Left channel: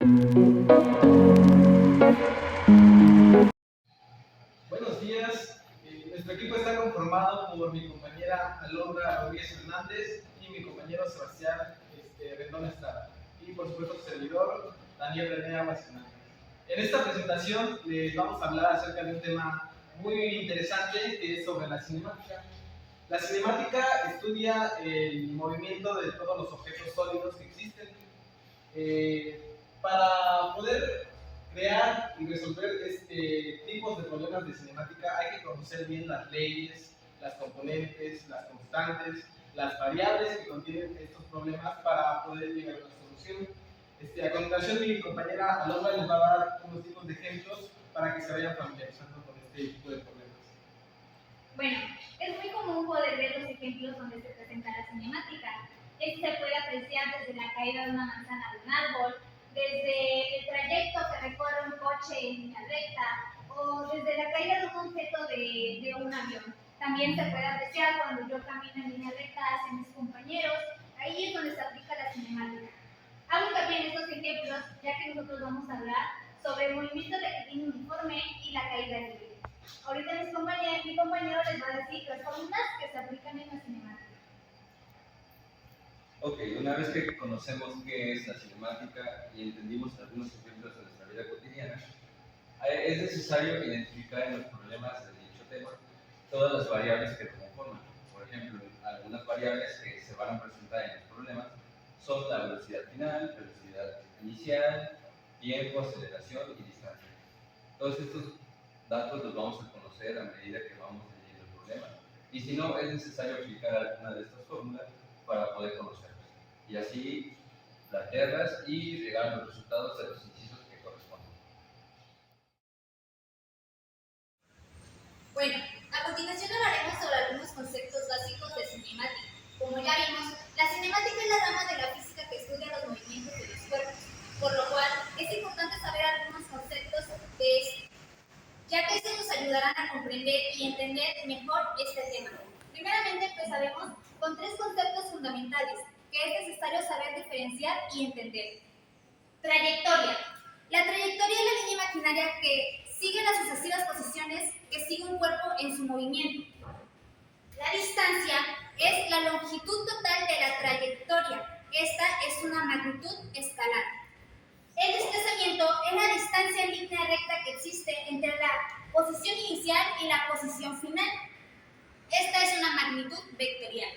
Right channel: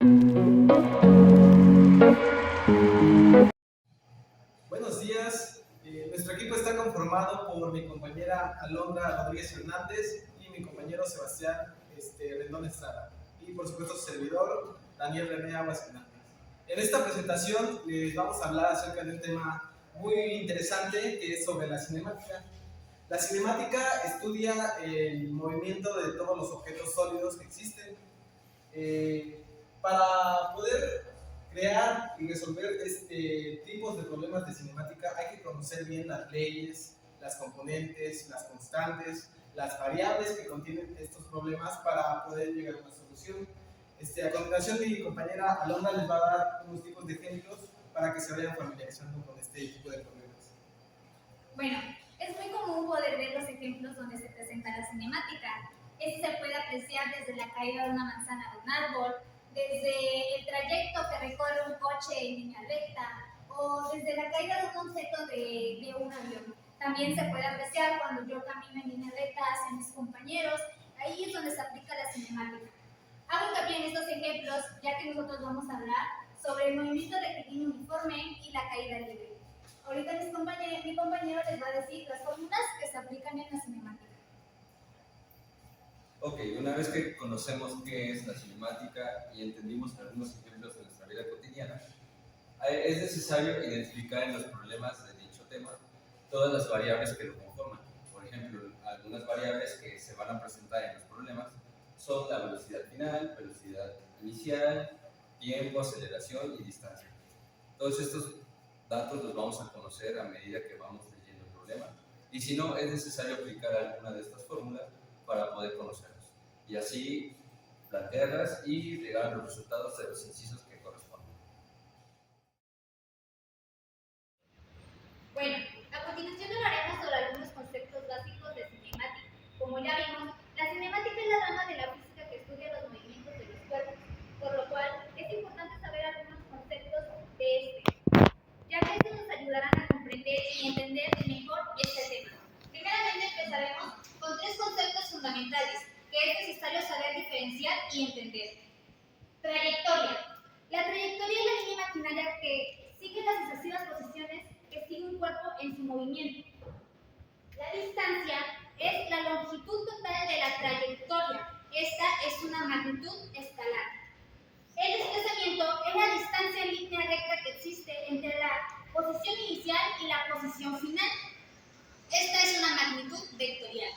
Buenos días. Nuestro equipo está conformado por mi compañera Alondra Rodríguez Hernández y mi compañero Sebastián Rendón Estrada. Y por supuesto su servidor, Daniel René Aguas Hernández. En esta presentación les vamos a hablar acerca de un tema muy interesante que es sobre la cinemática. La cinemática estudia el movimiento de todos los objetos sólidos que existen. Para poder crear y resolver tipos de problemas de cinemática hay que conocer bien las leyes, las componentes, las constantes, las variables que contienen estos problemas para poder llegar a una solución. A continuación mi compañera Alondra les va a dar unos tipos de ejemplos para que se vayan familiarizando con este tipo de problemas. Bueno, es muy común poder ver los ejemplos donde se presenta la cinemática. Esto se puede apreciar desde la caída de una manzana de un árbol, desde el trayecto que recorre un coche en línea recta o desde la caída de un objeto de un avión. También se puede apreciar cuando yo camino en línea recta hacia mis compañeros. Ahí es donde se aplica la cinemática. Hago también estos ejemplos ya que nosotros vamos a hablar sobre el movimiento rectilíneo uniforme y la caída libre. Ahorita mi compañero les va a decir las fórmulas que se aplican en la cinemática. Ok, una vez que conocemos qué es la cinemática y entendimos algunos ejemplos de nuestra vida cotidiana, es necesario identificar en los problemas de dicho tema todas las variables que lo conforman. Por ejemplo, algunas variables que se van a presentar en los problemas son la velocidad final, velocidad inicial, tiempo, aceleración y distancia. Todos estos datos los vamos a conocer a medida que vamos leyendo el problema, y si no, es necesario aplicar alguna de estas fórmulas para poder conocerlos y así plantearlas y llegar a los resultados de los incisos que corresponden. Bueno, a continuación hablaremos sobre algunos conceptos básicos de cinemática. Como ya vimos, la cinemática es la rama de la física que estudia los movimientos de los cuerpos, por lo cual es importante saber algunos conceptos de este, ya que estos nos ayudarán a comprender y entender mejor este tema. Primeramente empezaremos con tres conceptos fundamentales que es necesario saber diferenciar y entender. Trayectoria. La trayectoria es la línea imaginaria que sigue las sucesivas posiciones que sigue un cuerpo en su movimiento. La distancia es la longitud total de la trayectoria. Esta es una magnitud escalar. El desplazamiento es la distancia en línea recta que existe entre la posición inicial y la posición final. Esta es una magnitud vectorial.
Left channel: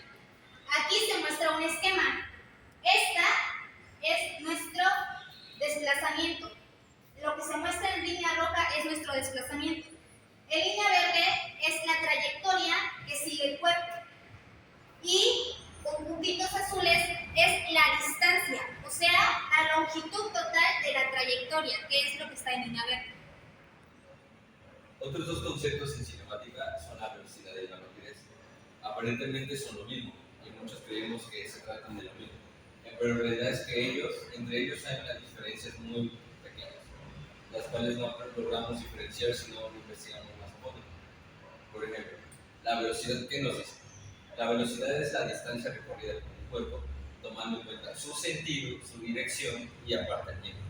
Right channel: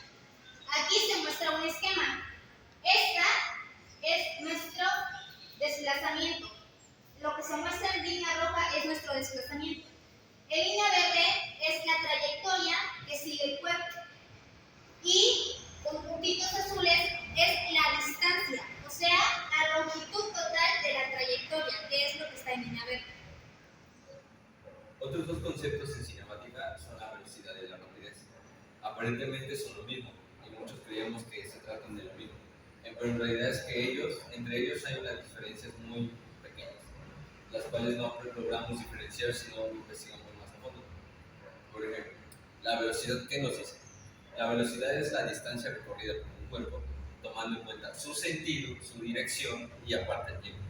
Aquí se muestra un esquema. Esta es nuestro desplazamiento. Lo que se muestra en línea roja es nuestro desplazamiento. En línea verde es la trayectoria que sigue el cuerpo. Y con puntitos azules es la distancia, o sea, la longitud total de la trayectoria, que es lo que está en línea verde. Otros dos conceptos en cinemática son la velocidad y la rapidez. Aparentemente son lo mismo y muchos creemos que se tratan de lo mismo, pero en realidad es que entre ellos hay unas diferencias muy pequeñas, las cuales no logramos diferenciar si no lo investigamos más a fondo. Por ejemplo, la velocidad, ¿qué nos dice? La velocidad es la distancia recorrida por un cuerpo, tomando en cuenta su sentido, su dirección y aparte el tiempo.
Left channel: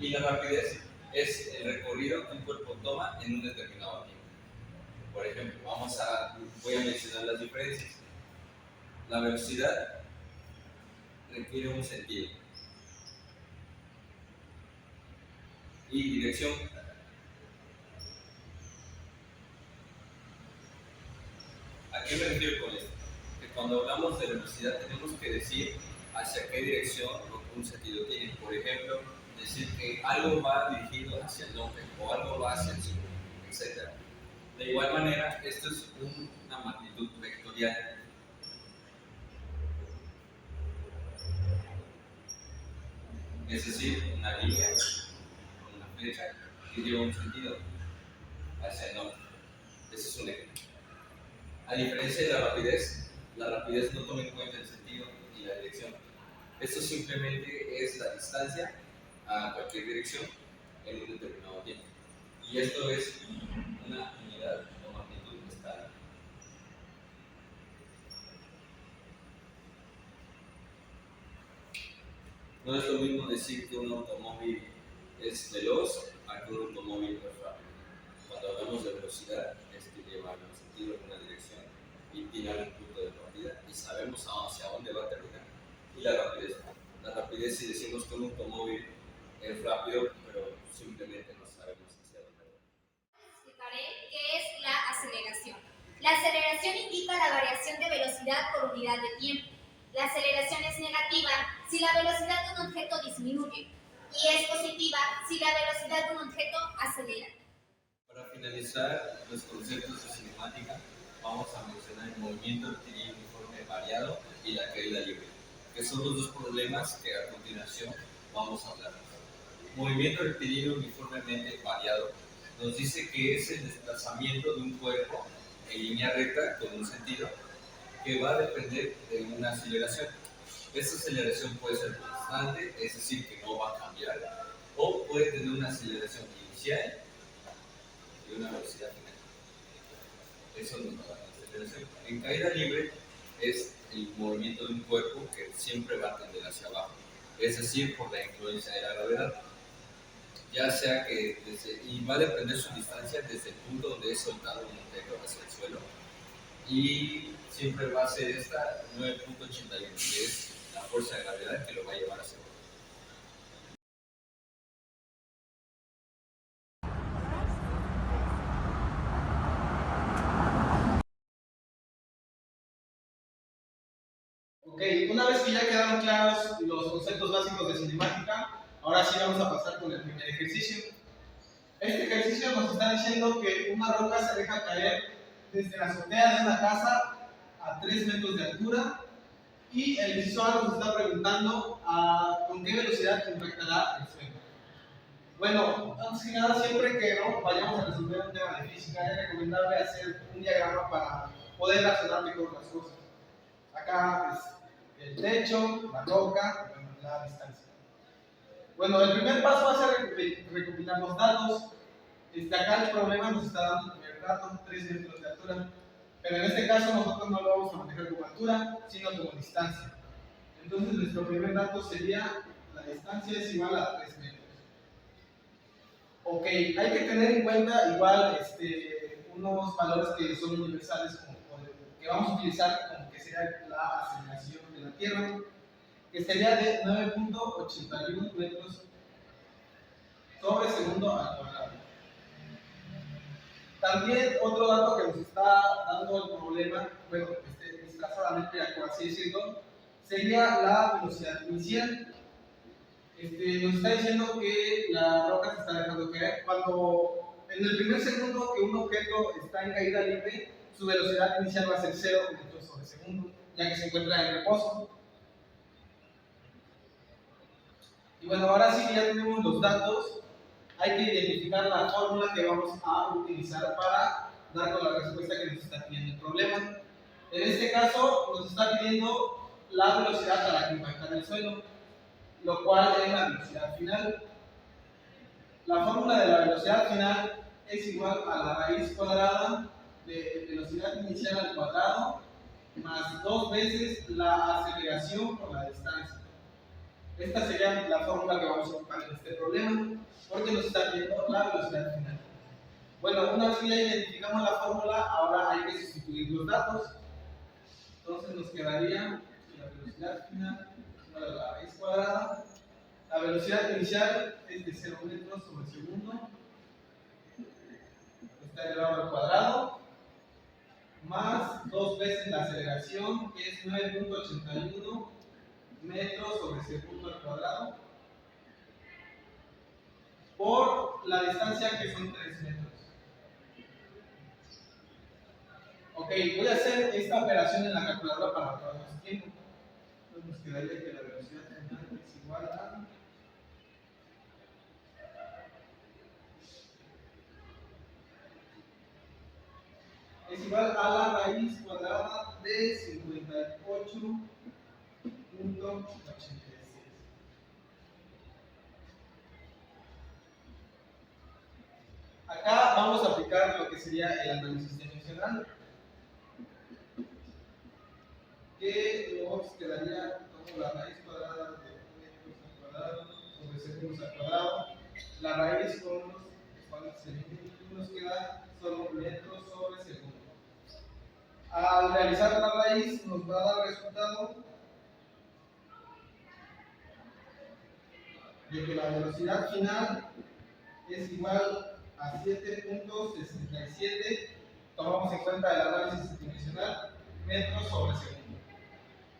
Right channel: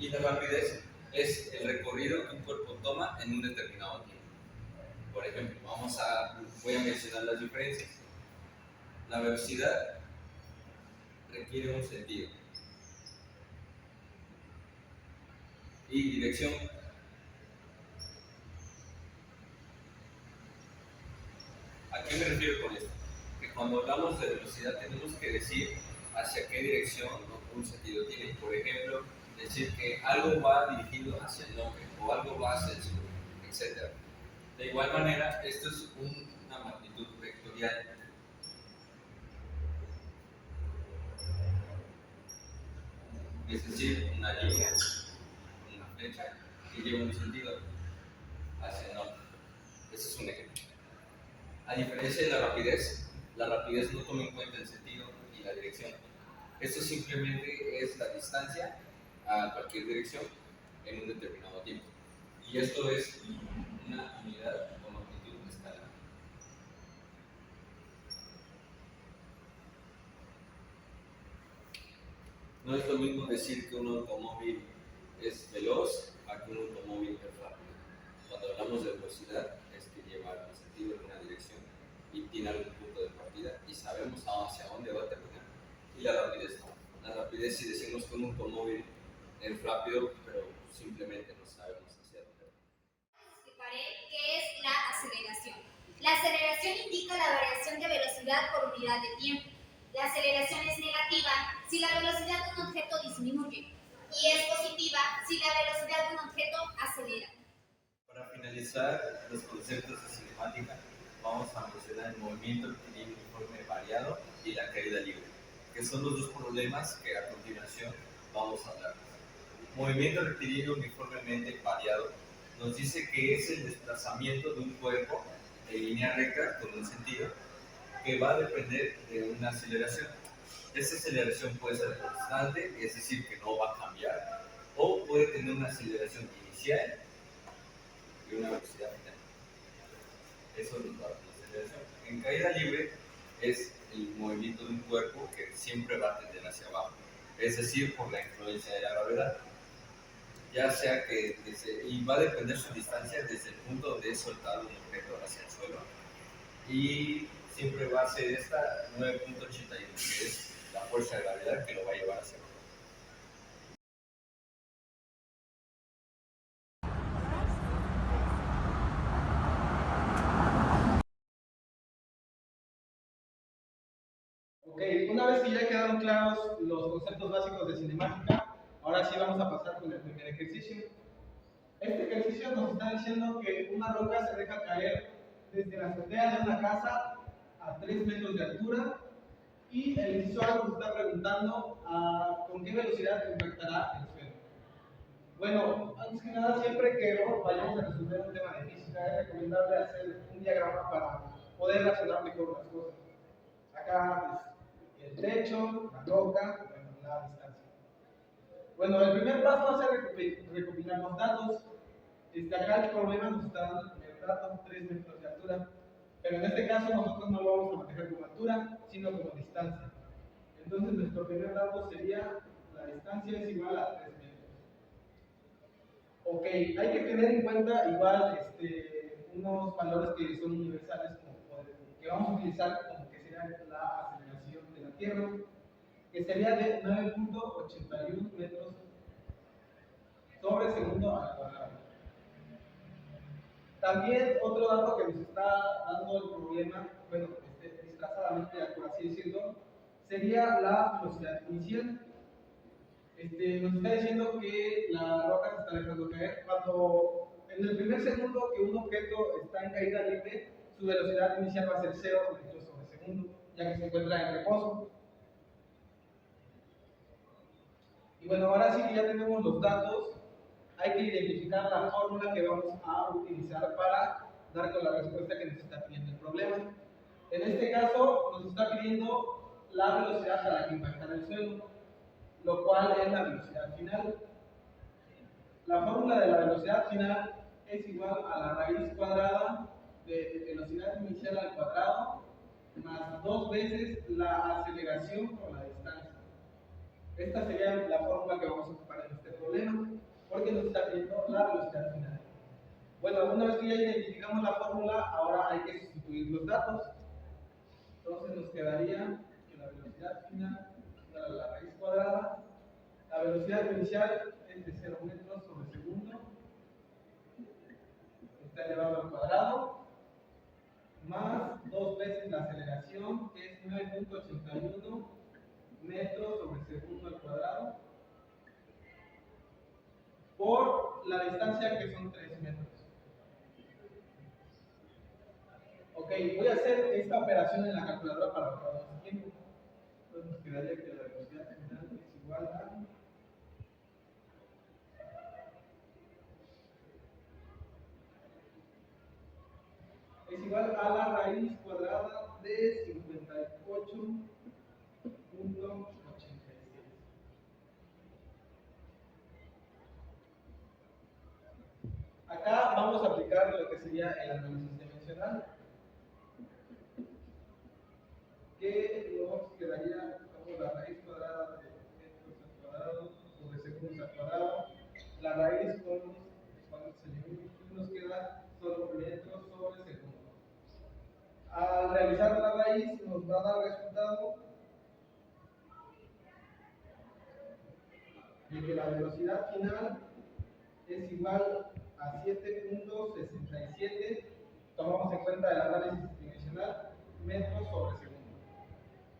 Y la rapidez es el recorrido que un cuerpo toma en un determinado tiempo. Por ejemplo, voy a mencionar las diferencias. La velocidad requiere un sentido. Y dirección. ¿A qué me refiero con esto? Que cuando hablamos de velocidad tenemos que decir hacia qué dirección o un sentido tiene. Por ejemplo, decir que algo va dirigido hacia el norte o algo va hacia el sur, etc. De igual manera, esto es una magnitud vectorial. Es decir, una línea, una flecha que lleva un sentido hacia el norte. Ese es un ejemplo. A diferencia de la rapidez no toma en cuenta el sentido y la dirección. Esto simplemente es la distancia a cualquier dirección en un determinado tiempo. Y esto es una unidad o magnitud escalar. No es lo mismo decir que un automóvil es veloz a que un automóvil es rápido. Cuando hablamos de velocidad, es que lleva en un sentido, en una dirección, y tiene algún punto de partida, y sabemos hacia dónde va a terminar. Y la rapidez. La rapidez, si decimos que un automóvil es rápido, pero simplemente no sabemos hacia dónde va. Explicaré qué es la aceleración. La aceleración indica la variación de velocidad por unidad de tiempo. La aceleración es negativa si la velocidad de un objeto disminuye y es positiva si la velocidad de un objeto acelera. Para finalizar los conceptos de cinemática, vamos a mencionar el movimiento rectilíneo uniforme variado y la caída libre, que son los dos problemas que a continuación vamos a hablar. Movimiento rectilíneo uniformemente variado nos dice que es el desplazamiento de un cuerpo en línea recta con un sentido que va a depender de una aceleración. Esta aceleración puede ser constante, es decir, que no va a cambiar, o puede tener una aceleración inicial y una velocidad final. Eso nos va a dar la aceleración. En caída libre es el movimiento de un cuerpo que siempre va a tender hacia abajo, es decir, por la influencia de la gravedad. Ya sea que y va a depender su distancia desde el punto donde es soltado un objeto hacia el suelo, y siempre va a ser esta 9.81, que es la fuerza de gravedad que lo va a llevar hacia abajo. Ok, una vez que ya quedaron claros los conceptos básicos de cinemática, ahora sí vamos a pasar con el primer ejercicio. Este ejercicio nos está diciendo que una roca se deja caer desde la azotea de una casa a 3 metros de altura, y el inciso A nos está preguntando con qué velocidad impactará el suelo. Bueno, antes que nada, siempre que no vayamos a resolver un tema de física, es recomendable hacer un diagrama para poder relacionar mejor las cosas. Acá es el techo, la roca, la distancia. Bueno, el primer paso va a ser recopilar los datos. Acá el problema nos está dando el primer dato, 3 metros de altura. Pero en este caso nosotros no lo vamos a manejar como altura, sino como distancia. Entonces nuestro primer dato sería la distancia es igual a 3 metros. Ok, hay que tener en cuenta igual unos valores que son universales, como que vamos a utilizar como que sería la aceleración de la Tierra, que sería de 9.81 metros sobre segundo al cuadrado. También otro dato que nos está dando el problema, bueno, desplazadamente, por así decirlo, sería la velocidad inicial. Nos está diciendo que la roca se está dejando caer cuando en el primer segundo que un objeto está en caída libre, su velocidad inicial va a ser 0 metros sobre segundo, ya que se encuentra en reposo. Y bueno, ahora sí que ya tenemos los datos, hay que identificar la fórmula que vamos a utilizar para dar con la respuesta que nos está pidiendo el problema. En este caso, nos está pidiendo la velocidad a la que impactará el suelo, lo cual es la velocidad final. La fórmula de la velocidad final es igual a la raíz cuadrada de velocidad inicial al cuadrado más 2 veces la aceleración por la distancia. Esta sería la fórmula que vamos a ocupar en este problema, porque nos está pidiendo la velocidad final. Bueno, una vez que ya identificamos la fórmula, ahora hay que sustituir los datos. Entonces nos quedaría la velocidad final igual a la raíz cuadrada. La velocidad inicial es de 0 metros sobre segundo, está elevado al cuadrado, más 2 veces la aceleración, que es 9.81 metros sobre segundo al cuadrado, por la distancia, que son 3 metros. Ok, voy a hacer esta operación en la calculadora para ahorrar más tiempo. Entonces nos quedaría que la velocidad final es igual a la raíz cuadrada de 58.86. Acá vamos a aplicar lo que sería el análisis dimensional, que nos quedaría como la raíz cuadrada de metros al cuadrado. La raíz con los espacios se eliminan y nos queda solo metros sobre segundo. Al realizar la raíz nos va a dar resultado de que la velocidad final es igual a 7.67, tomamos en cuenta el análisis dimensional, metros sobre segundo.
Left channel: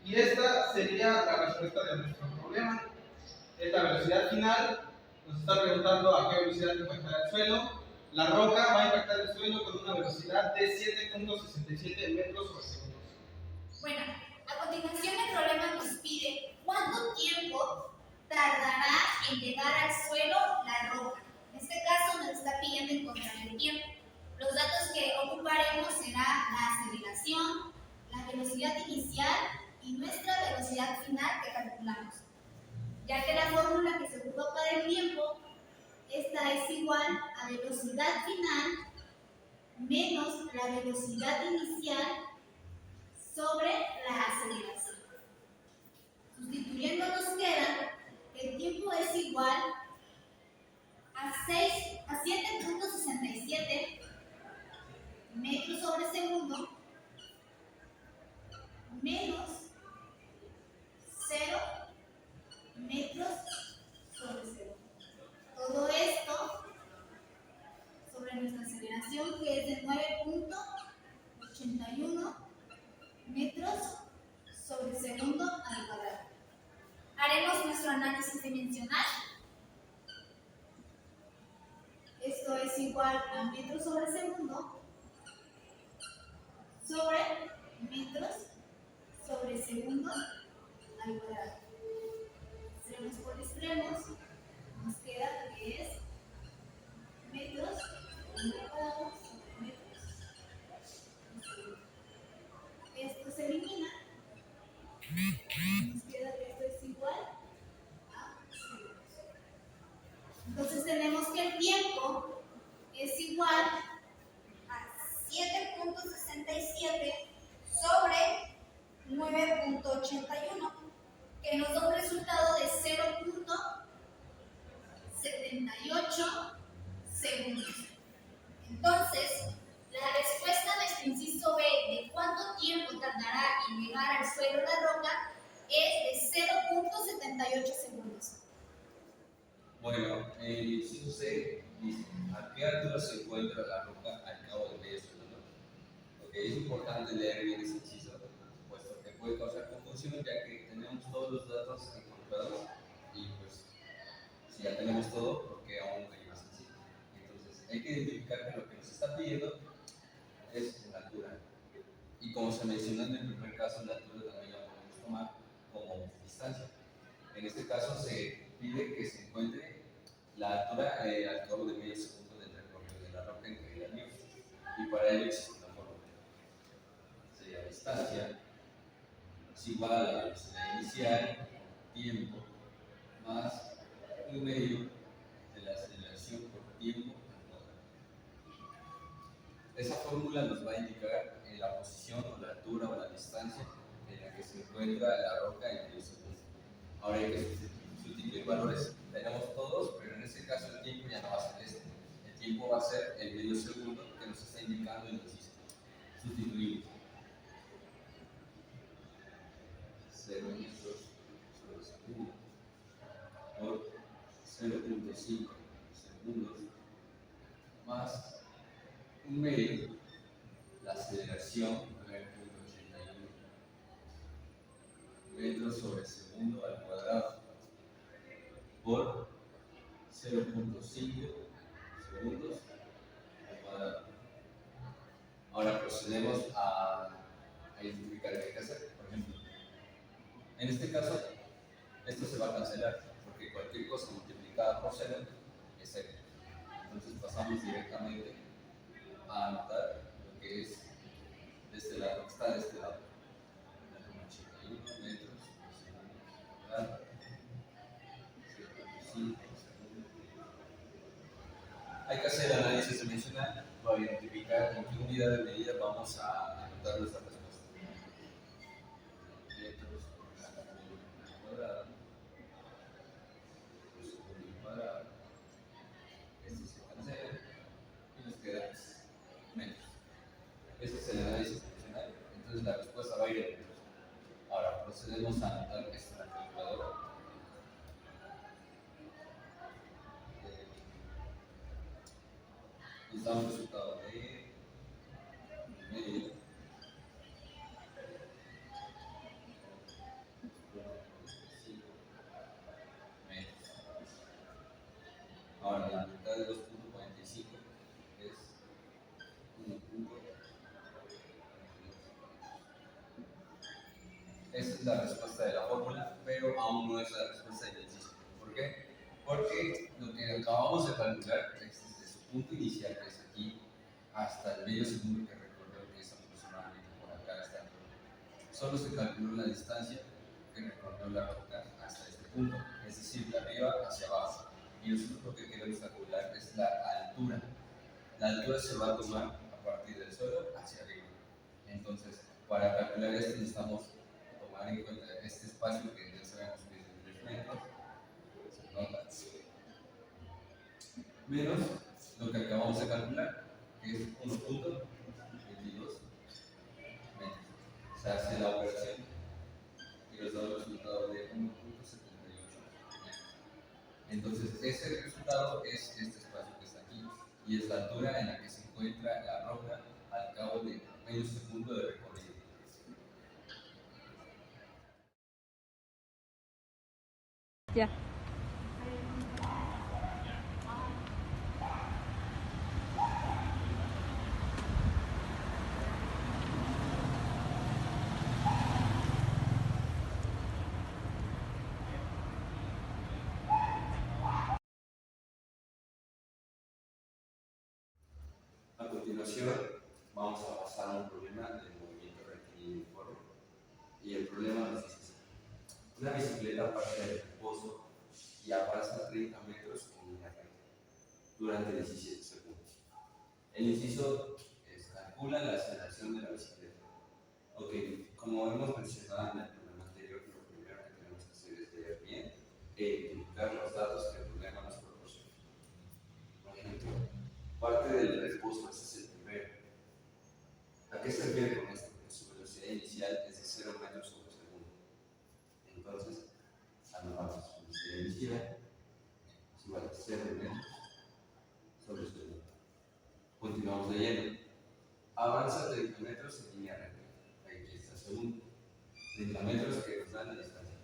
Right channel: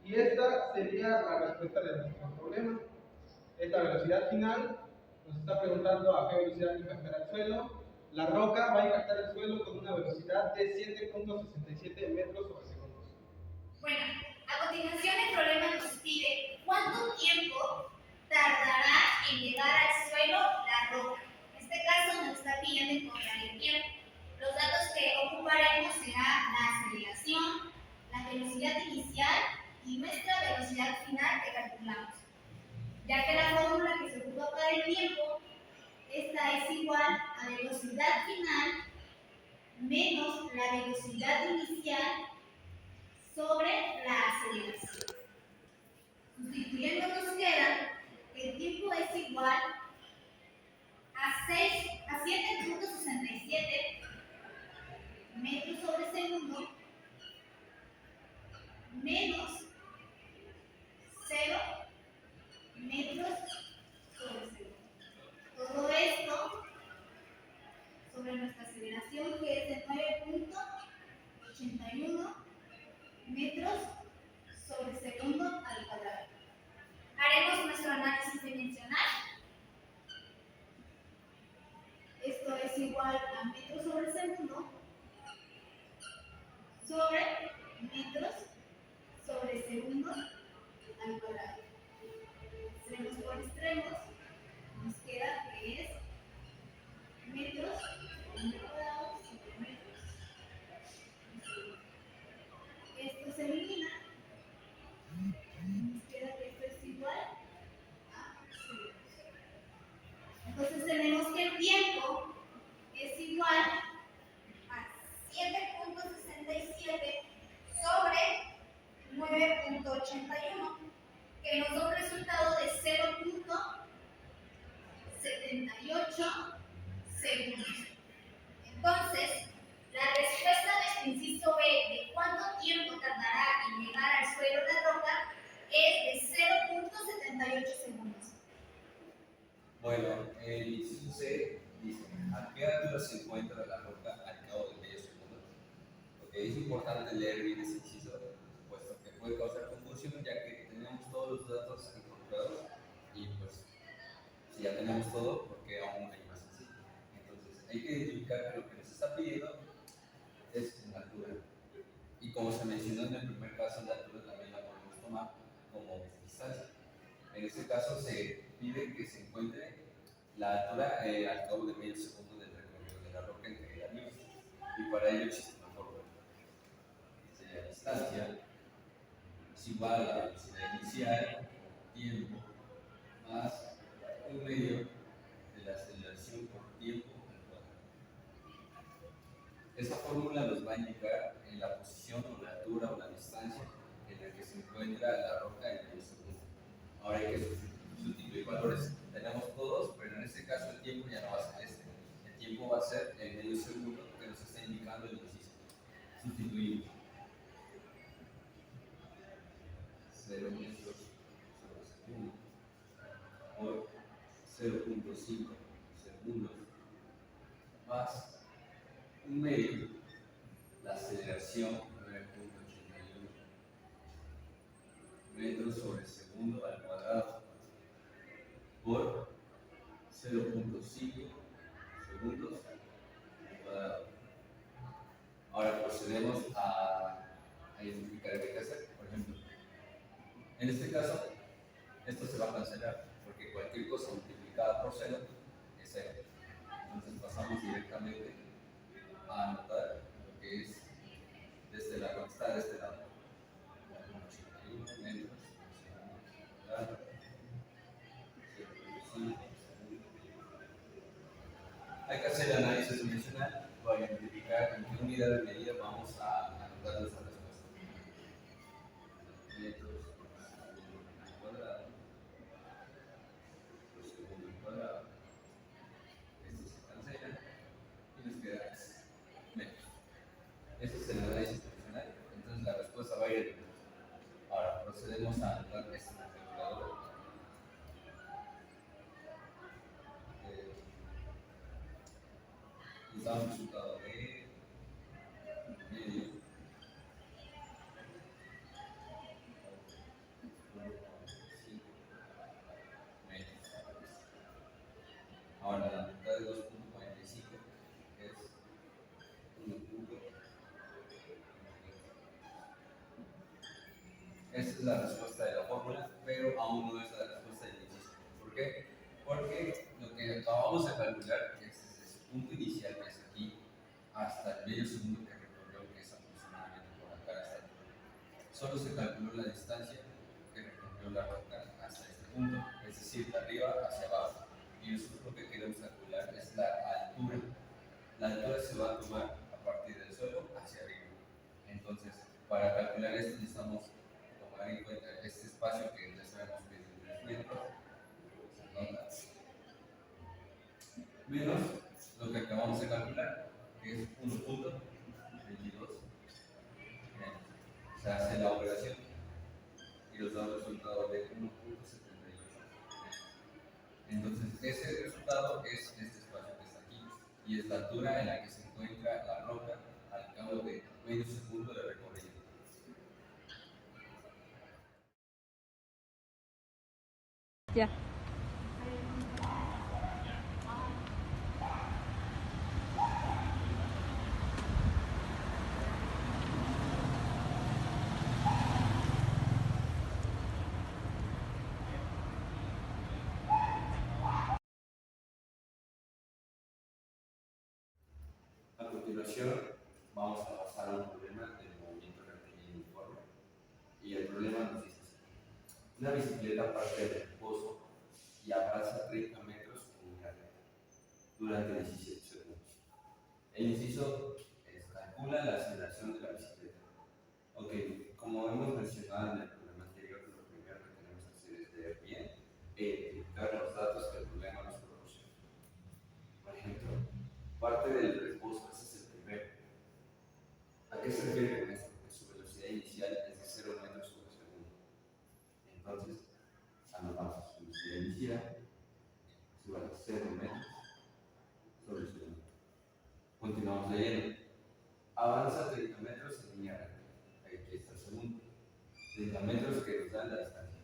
Y esta sería la respuesta de nuestro problema. Esta velocidad final nos está preguntando a qué velocidad impactará el suelo. La roca va a impactar el suelo con una velocidad de 7.67 metros sobre segundo. Bueno, a continuación el problema nos pide cuánto tiempo tardará en llegar al suelo la roca. En este caso nos está pidiendo encontrar el tiempo. Los datos que ocuparemos será la aceleración, la velocidad inicial y nuestra velocidad final que calculamos. Ya que la fórmula que se ocupa para el tiempo, esta es igual a velocidad final menos la velocidad inicial sobre la aceleración. Sustituyendo nos queda que el tiempo es igual a 7.67 metros sobre segundo menos 0 metros sobre segundo. Todo esto sobre nuestra aceleración que es de 9.81 metros sobre segundo al cuadrado. Haremos nuestro análisis dimensional. Esto es igual a metros sobre segundo sobre metros sobre segundo al cuadrado. Extremos por extremos, nos queda que es metros al cuadrado sobre metros. Esto se elimina. Nos queda que esto es igual a segundos. Entonces tenemos que el tiempo es igual a 7.67 sobre 9.81, que nos da un resultado de 0.78 segundos. Entonces, la respuesta de nuestro inciso B de cuánto tiempo tardará en llegar al suelo la roca es de 0.78 segundos. Bueno, el inciso C dice, ¿a qué altura se encuentra la roca al cabo de medio segundo? Okay, es importante leer bien ese inciso, puesto que puede causar confusión, ya que tenemos todos los datos encontrados y pues si ya tenemos todo, ¿por qué aún hay más inciso? Entonces hay que identificar que lo que nos está pidiendo es la altura. Y como se mencionó en el primer caso, la altura también la podemos tomar como distancia. En este caso se pide que se encuentre la altura al cabo de medio segundo del recorrido de la roca en caída libre. Y para ello existe una fórmula. Sería la distancia es igual a la velocidad inicial por tiempo más un medio de la aceleración por tiempo al cuadrado. Esa fórmula nos va a indicar la posición o la altura o la distancia en la que se encuentra la roca en medio segundo. Ahora hay que sustituir valores. Tenemos todos, pero en este caso el tiempo ya no va a ser este. El tiempo va a ser el medio segundo que nos está indicando el inciso. Sustituimos 0 metros sobre segundo por 0.5 segundos más un medio, la aceleración 9.81 metros sobre segundo al cuadrado por 0.5 segundos al cuadrado. Ahora procedemos a identificar qué hay que hacer. Por ejemplo, en este caso, esto se va a cancelar porque cualquier cosa multiplicada por 0 es 0. Entonces pasamos directamente a anotar lo que es desde la roca, está de este lado. 81 metros por segundo cuadrado. 0.5 segundos. Hay que hacer el análisis dimensional para identificar en qué unidad de medida vamos a anotar nuestra respuesta. Metros por segundo al cuadrado por segundo al cuadrado nos da un resultado de medio. Ahora la mitad de 2.45 es 1. Esa es la respuesta de la fórmula, pero aún no es la respuesta del inciso. ¿Por qué? Porque lo que acabamos de calcular es desde su punto inicial, que es aquí, hasta el medio segundo que recorrió, que es aproximadamente por acá hasta aquí. Solo se calculó la distancia que recorrió la roca hasta este punto, es decir, de arriba hacia abajo. Y nosotros lo que queremos calcular es la altura. La altura se va a tomar a partir del suelo hacia arriba. Entonces, para calcular esto necesitamos tomar en cuenta este espacio que ya sabemos que es de 3 metros, se nota, menos lo que acabamos de calcular, que es 1.22 metros. Se hace la operación y nos da un resultado de 1.78. Entonces, ese resultado es este espacio que está aquí y es la altura en la que se encuentra la roca al cabo de medio segundo de recorrido. Ya. A continuación, vamos a pasar a un problema del movimiento rectilíneo uniforme. Y el problema nos dice así: una bicicleta parte del reposo y avanza 30 metros en línea recta durante 17 segundos. El inciso calcula la aceleración de la bicicleta. Ok, como hemos mencionado en el problema anterior, lo primero que tenemos que hacer es leer bien e identificar los datos que el problema nos proporciona. Por ejemplo, parte del reposo, ese es el primero. ¿A qué se refiere con esto? Que su velocidad inicial es de 0 metros sobre segundo. Entonces, anotamos su velocidad inicial es igual a 0 metros sobre segundo. Continuamos leyendo. Avanza 30 metros en línea recta. Aquí está el segundo. 30 metros que nos dan la distancia.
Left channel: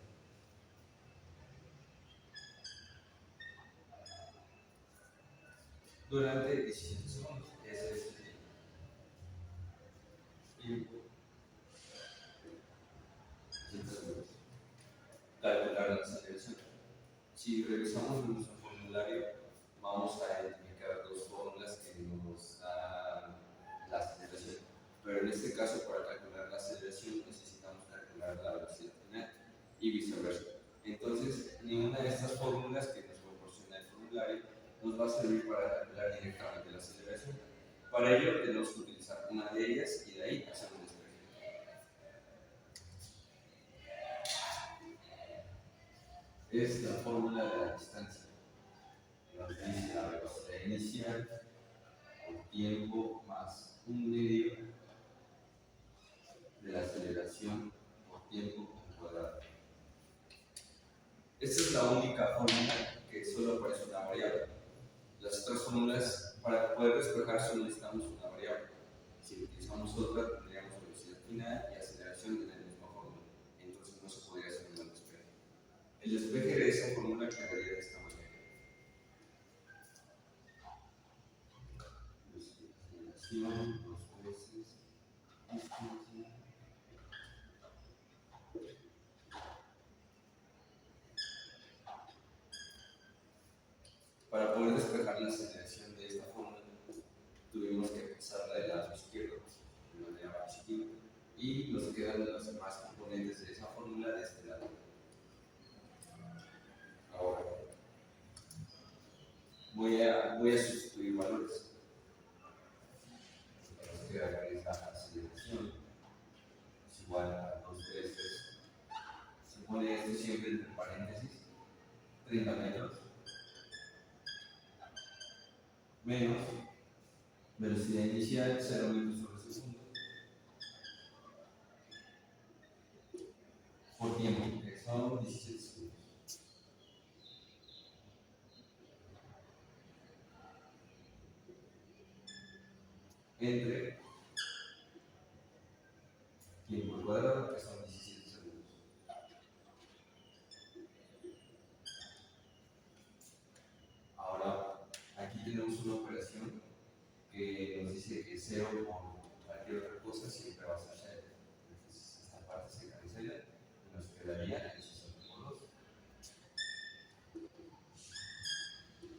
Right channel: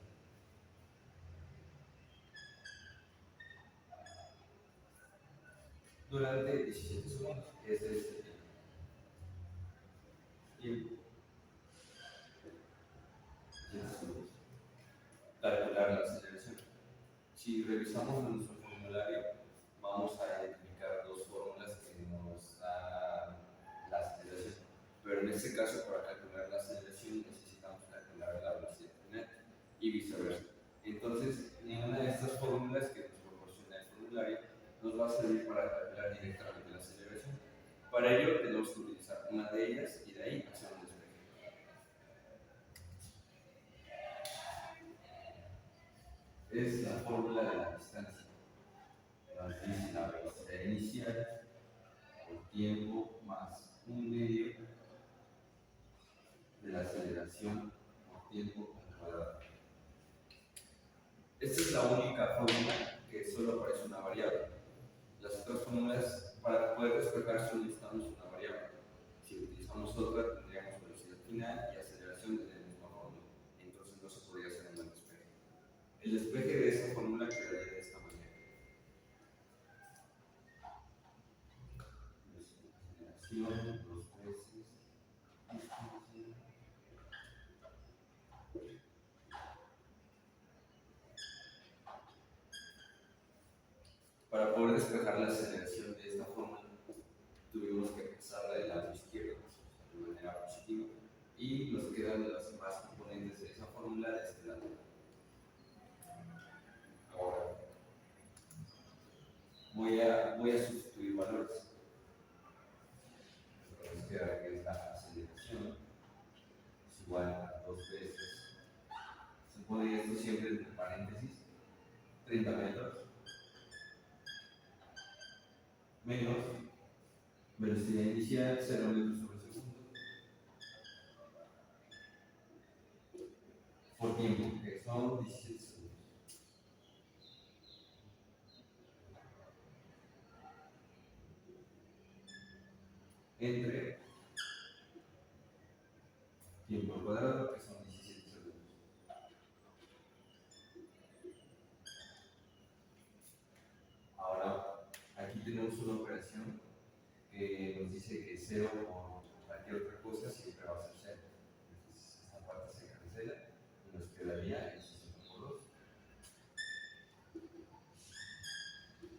Durante 17 segundos. Ese es el tiempo. Tiempo. 17 segundos. Calcular la aceleración. Si revisamos nuestro formulario, vamos a identificar dos fórmulas que nos dan la aceleración. Pero en este caso, para calcular la aceleración, necesitamos calcular la velocidad final y viceversa. Entonces, ninguna de estas fórmulas que nos proporciona el formulario nos va a servir para calcular directamente la aceleración. Para ello, tenemos que utilizar una de ellas y de ahí hacer un despeje. Es la fórmula de la distancia. Nos dice la velocidad inicial por tiempo más un medio de la aceleración por tiempo al cuadrado. Esta es la única fórmula que solo aparece una variable. Las otras fórmulas, para poder despejar, solo necesitamos una variable. Si utilizamos otra, tendríamos velocidad final y aceleración en la misma fórmula. Entonces no se podría hacer un buen despeje. El despeje de esa fórmula quedaría de esta manera. Aceleración, 2 veces distancia. Para poder despejar la aceleración de esta fórmula, tuvimos que pasarla del lado izquierdo de manera positiva y nos quedan los demás componentes de esa fórmula de este lado. Ahora voy a sustituir valores. Nos queda que es la aceleración es igual a 2 veces. Se pone esto siempre entre paréntesis, 30 metros menos velocidad inicial 0 metros sobre segundo por tiempo, que son 17 segundos. entre tiempo al cuadrado, que son 17 segundos. Ahora, aquí tenemos una operación que nos dice que 0 por cualquier otra cosa siempre va a ser 0. Entonces, esta parte se cancela y nos quedaría el 60 por 2.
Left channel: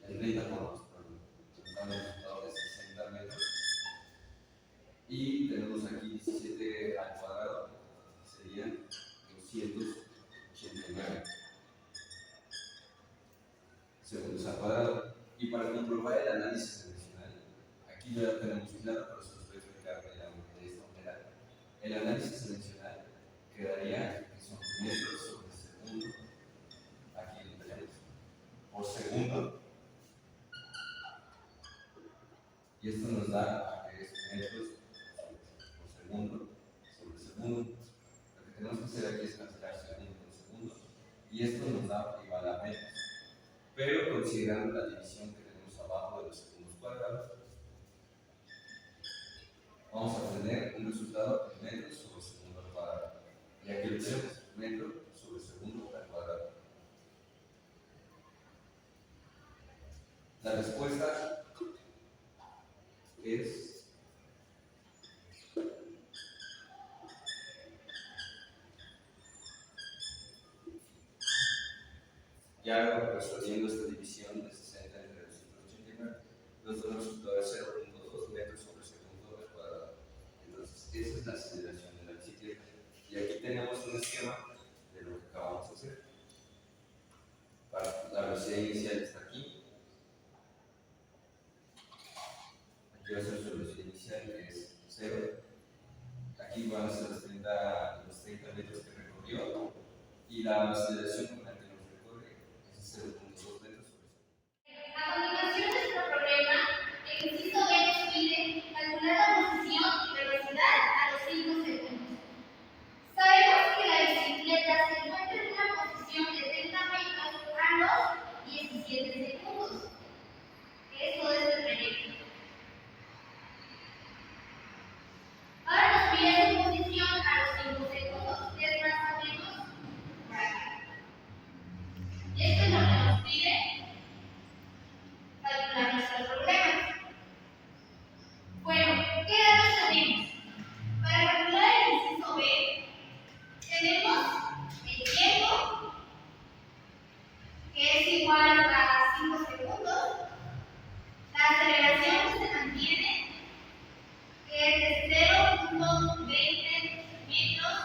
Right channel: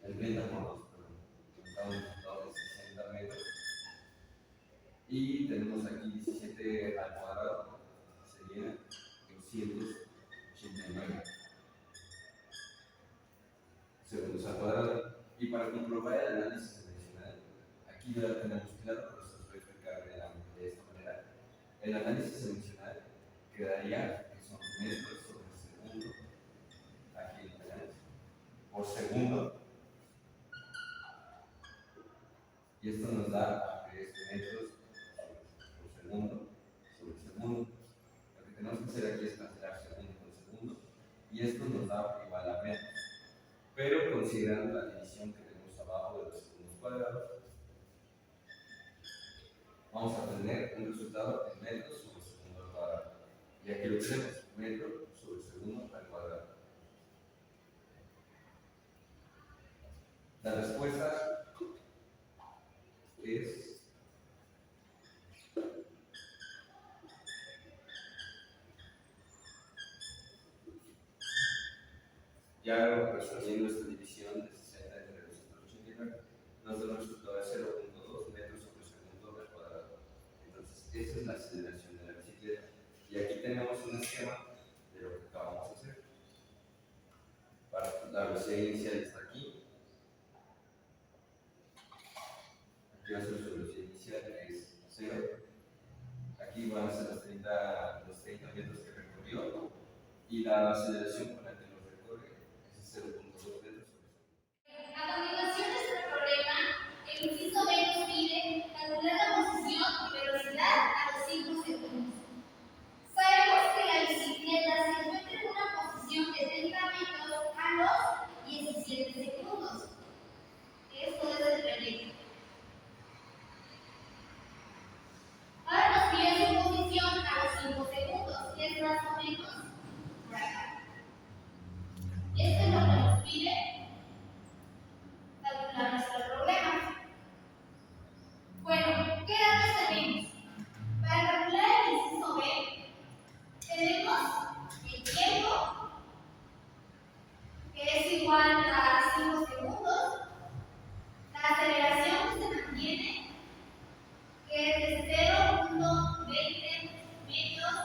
El 30 por 2, perdón. Nos da un resultado de 60 metros. Y tenemos aquí 17 al cuadrado, serían 289 segundos al cuadrado. Y para comprobar el análisis dimensional, aquí ya lo tenemos claro, pero se los voy a explicar de esta manera. El análisis dimensional quedaría que son metros sobre segundo, aquí lo tenemos, por segundo. Y esto nos da que es metros por segundo sobre segundo. Lo que tenemos que hacer aquí es cancelar segundo con segundo. Y esto nos da igual a metros. Pero considerando la división que tenemos abajo de los segundos cuadrados, vamos a tener un resultado en metros sobre segundo al cuadrado. Y aquí lo tenemos, metro sobre segundo al cuadrado. La respuesta es ya resolviendo esta división de 60 entre 289, nos da un resultado de 0.2 metros sobre segundo al cuadrado. Entonces, esa es la aceleración de la bicicleta. Y aquí tenemos un esquema de lo que acabamos de hacer. La velocidad inicial está aquí. Aquí va a ser su velocidad inicial, que es 0. Aquí van a ser los 30 metros que recorrió. Y la aceleración con la que nos recorre es 0.2 metros sobre segundo. A continuación, nuestro problema, el inciso B nos pide calcular la posición y velocidad a los 5 segundos. Sabemos que la bicicleta se encuentra en una posición de 30 metros a los 17 segundos. Esto es el trayecto. Ahora nos pide su posición a los 5 segundos, que es más o menos por acá. Y esto es lo que nos pide calcular nuestro problema. Bueno, ¿qué datos tenemos? Para calcular el inciso B, tenemos el tiempo, que es igual a 5 segundos, la aceleración que se mantiene, que es de 0.20 metros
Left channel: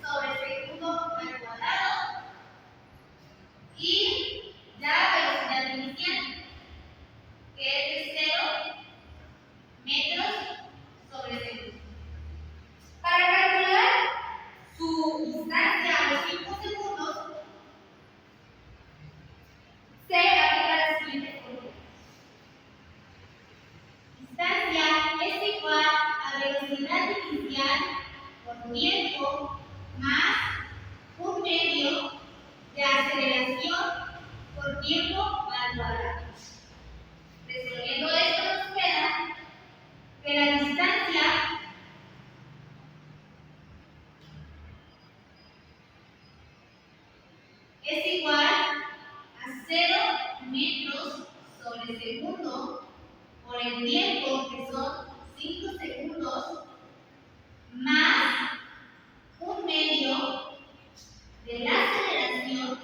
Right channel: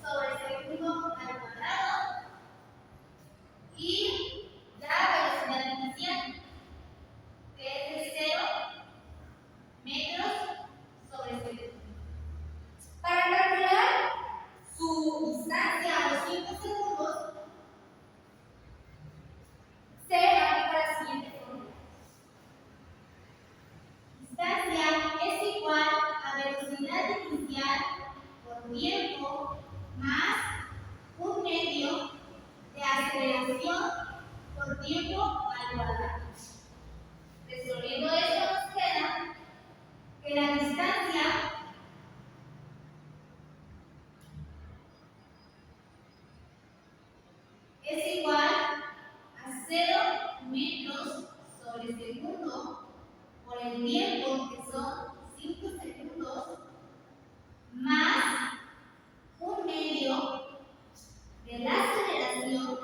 sobre segundo al cuadrado, y la velocidad inicial, que es de 0 metros sobre segundo. Para calcular su distancia a los 5 segundos, se aplica la siguiente fórmula. Distancia es igual a velocidad inicial por tiempo más un medio de aceleración por tiempo al cuadrado. Resolviendo esto nos queda que la distancia es igual a 0 metros sobre segundo por el tiempo, que son 5 segundos, más un medio de la aceleración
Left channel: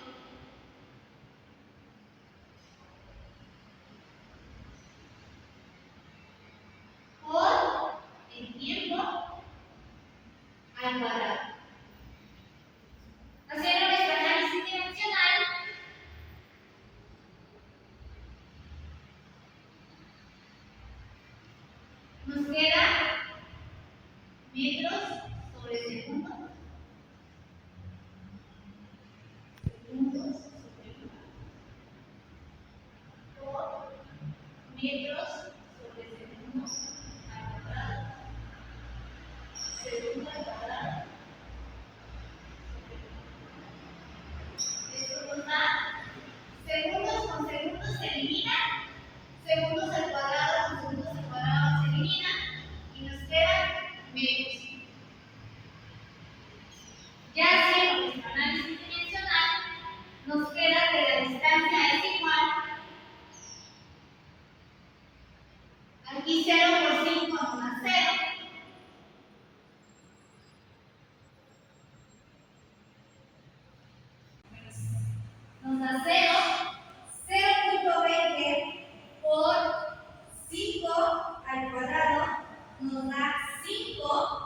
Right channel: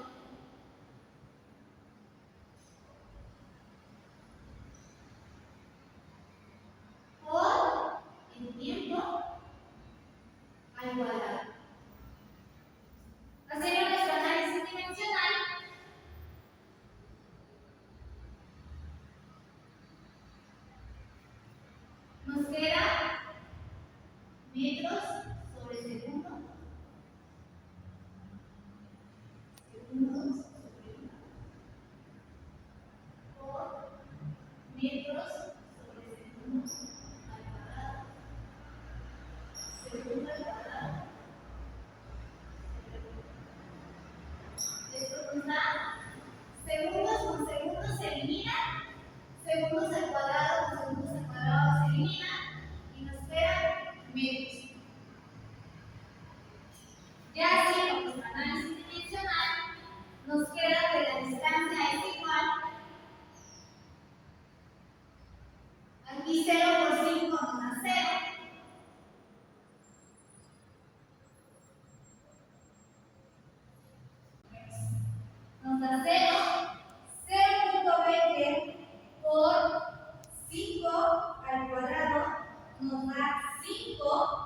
por el tiempo al cuadrado. Haciendo nuestro análisis dimensional, nos queda metros sobre segundo, segundos sobre por metros sobre segundo al cuadrado, segundo al cuadrado. Esto nos da segundos con segundos se eliminan, segundos al cuadrado con segundos al cuadrado se eliminan, Y 0 por 5 nos da 0. Nos da 0. 0.20 por 5 al cuadrado nos da 5.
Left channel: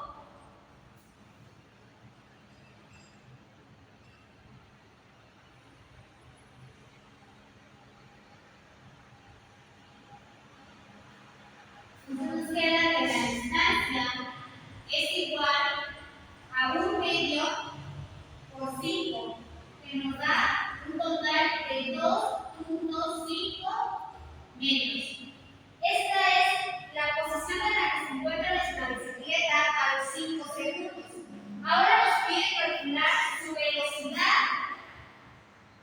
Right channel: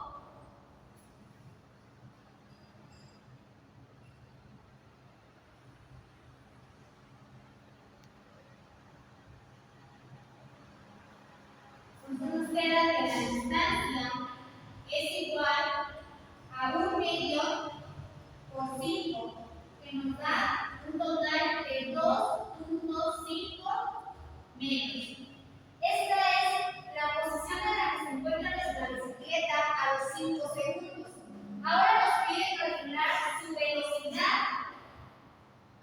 Entonces nos queda que la distancia es igual a 1 medio por 5, que nos da un total de 2.5 metros. Esta es la posición en la que se encuentra nuestra bicicleta a los 5 segundos. Ahora nos pide calcular su velocidad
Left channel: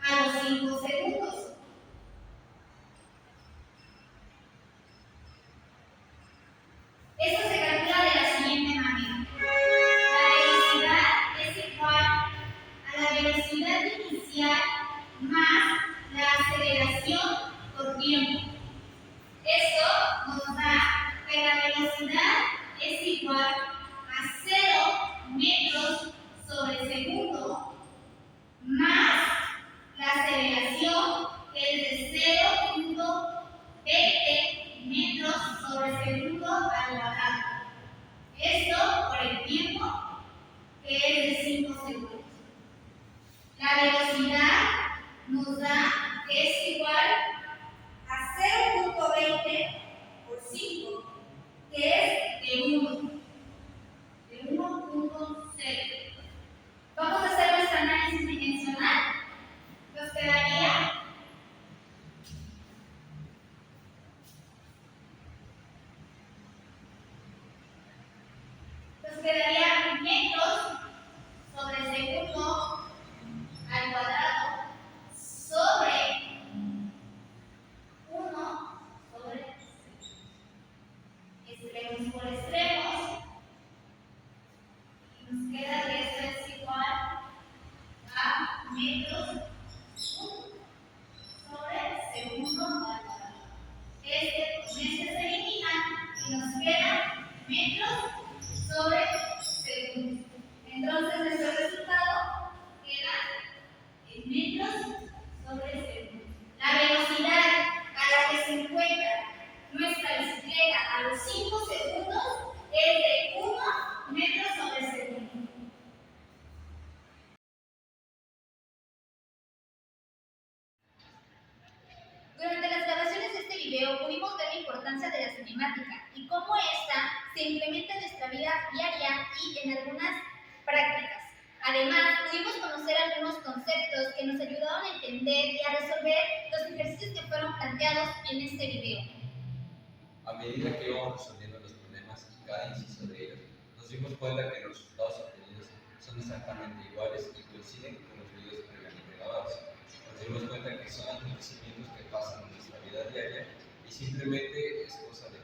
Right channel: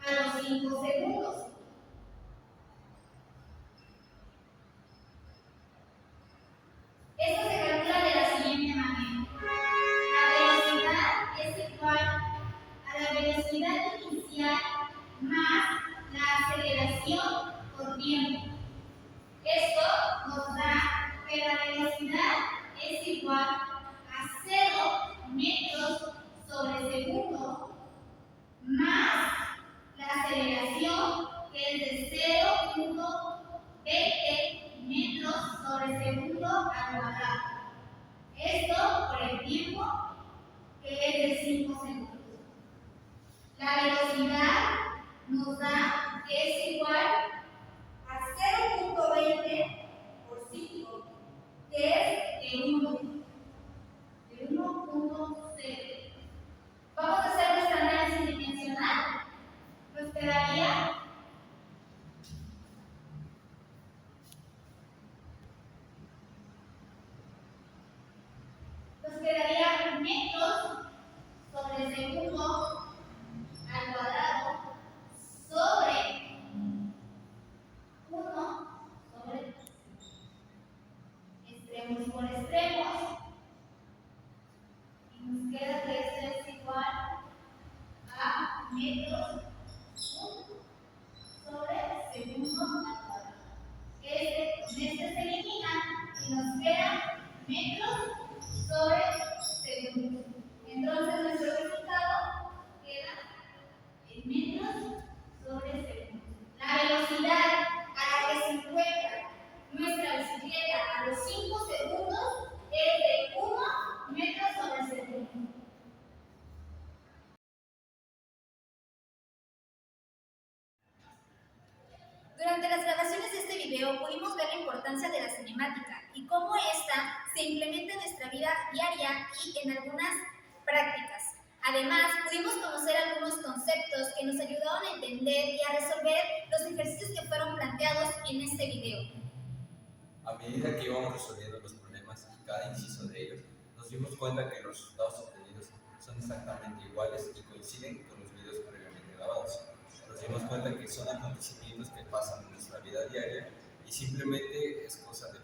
a los 5 segundos. Esto se calcula de la siguiente manera. La velocidad es igual a la velocidad inicial más la aceleración por tiempo. Esto nos da que la velocidad es igual a 0 metros sobre segundo más la aceleración, que es de 0.20 metros sobre segundo al cuadrado. Esto por el tiempo, que es de 5 segundos. La velocidad nos da que es igual a 0.20 por 5, que es de 1, de 1.0. Vamos a hacer nuestro análisis dimensional. Nos quedaría metros sobre segundo al cuadrado sobre 1 sobre extremos por extremos. Y nos queda que esto es igual a metros sobre segundo al cuadrado. Este se elimina y nos queda metros sobre segundo. Entonces nuestro resultado queda en metros sobre segundo. La velocidad a la que se encuentra nuestra bicicleta a los 5 segundos es de 1 metro sobre segundo. Durante las grabaciones de este video pudimos ver la importancia de la cinemática y cómo esta se implementa en nuestra vida diaria y en algunas prácticas. Además, pudimos conocer algunos conceptos que nos ayudaron a entender y a resolver los ejercicios que fueron planteados en este video. A medida que íbamos resolviendo los problemas y cada inciso de ellos, nos dimos cuenta que los resultados obtenidos son exactamente iguales y coinciden con los videos previamente grabados. Nos dimos cuenta que son acontecimientos que pasan en nuestra vida diaria y simplemente es cosa de